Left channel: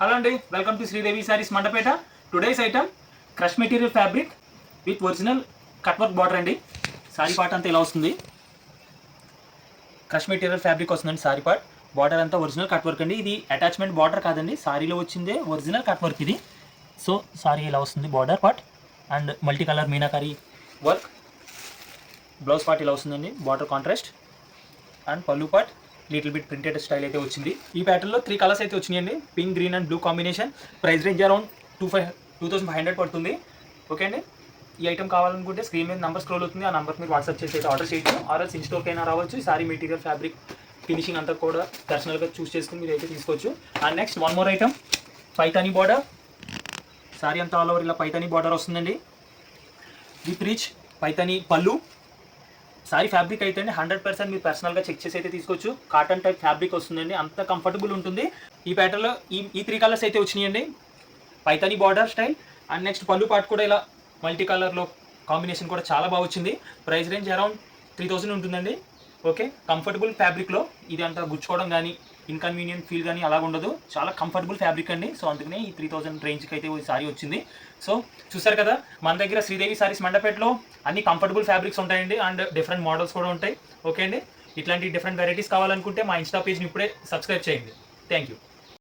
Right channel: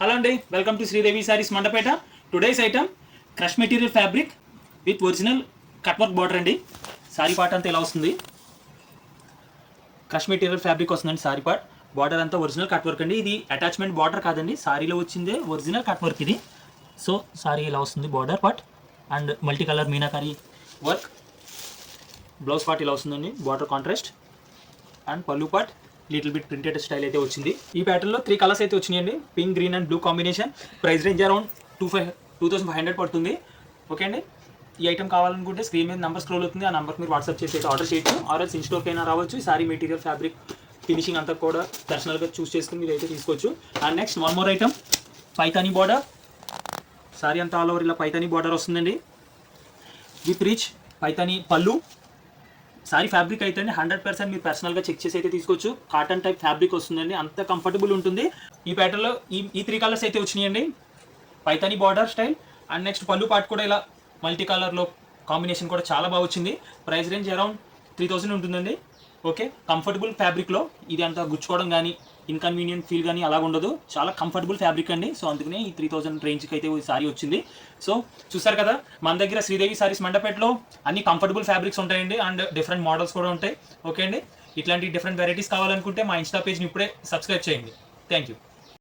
Hello అండి, welcome to Sridevi saris Mandapeta. Today's item crush material fabric with original cut work border అండి. Sorry part అంతా ఇలా వస్తుంది. క్రష్ మెటీరియల్ ఫ్యాబ్రిక్ వస్తుందండి. సారీ పార్ట్ బార్డర్ అంతా ఒరిజినల్ కట్ వర్క్ అండి. ఇది అటాచ్మెంట్ బార్డర్ కాదండి, సారీలో వచ్చిందే ఒరిజినల్ కట్ వర్క్ ఇది. సో సారీ ఇలా వస్తుంది border part and multi colour meenakari work. Blouse part ఇలా వస్తుందండి, బార్డర్ కాంట్రాస్ట్ అండ్ పళ్ళు part little bit printed style అయితే వచ్చింది. ఈ ప్యాటర్న్లో 3 కలర్స్ అయితే వచ్చినాయండి, pink, green and blue combination. Price range around 2500 పడుతుంది. ఓకే అండి, ఈ ఐటమ్ కావాలనుకుంటే స్క్రీన్ మీద నెంబర్ స్క్రోల్ అవుతుంది, ఆ నెంబర్కి మీరు వాట్సాప్ చేసి అయితే ఆర్డర్ చేయొచ్చు. ఆర్ఎల్స్ ఇన్ స్టోర్కి అయినా రావచ్చు. ఈ సారీ మెటీరియల్ ఫ్యాబ్రిక్ ఫినిషింగ్ అంతా కూడా పర్సనల్గా చూస్ చేసుకుని మీరు అయితే తీసుకోవచ్చు. And next one more item Paithani border. Sorry అంతా ఆల్ ఓవర్ ఇలా పైతానీ బార్డర్ వస్తుందండి విత్ రిచ్ పైతానీ పళ్ళు. సారీ ఫ్యాబ్రిక్ అయితే అండి 100% మీరు పర్సనల్గా చెక్ చేసి అయితే తీసుకోవచ్చు. కాటన్ టైప్ ఫ్యాబ్రిక్ వస్తుందండి, అంత కంఫర్టబుల్ ఉంటుంది. ఈ ప్యాటర్న్లో ఈ 3 కలర్స్ అయితే వచ్చినాయండి, Paithani border style and next పళ్ళు పార్ట్ కూడా ఇలా మల్టీ కలర్లో కాంబినేషన్ కూడా చాలా బాగా వచ్చింది. ప్రైస్ రేంజ్ అరౌండ్ 3000 ఉంటుందండి. ఓకే, కంఫర్టబుల్ ఫ్యాబ్రిక్లో ఇది అంతా గుచ్చుకోవడం కానీ ఇన్కన్వీనియంట్ ఫీల్ కానీ అలాగ ఉండదు, చాలా కంఫర్టబుల్ ఫ్యాబ్రిక్ అండి. సో అందుకనే ఈ 3000 రేంజ్కి అయితే ఈ సారీ వచ్చింది. సో చూసారు కదా, మన దగ్గర శ్రీదేవి సారీస్ మండపేటలో అన్ని కంఫర్టబుల్ ఫ్యాబ్రిక్స్ ఉంటాయండి అండ్ డిఫరెంట్ మోడల్స్ కూడా ఉంటాయి. ఓకే అండి, ఇట్లాంటి డిఫరెంట్ వెరైటీస్ కావాలనుకుంటే మా ఇన్స్టా పేజ్ని ఇప్పుడే సబ్స్క్రైబ్ చేయండి. Thank you.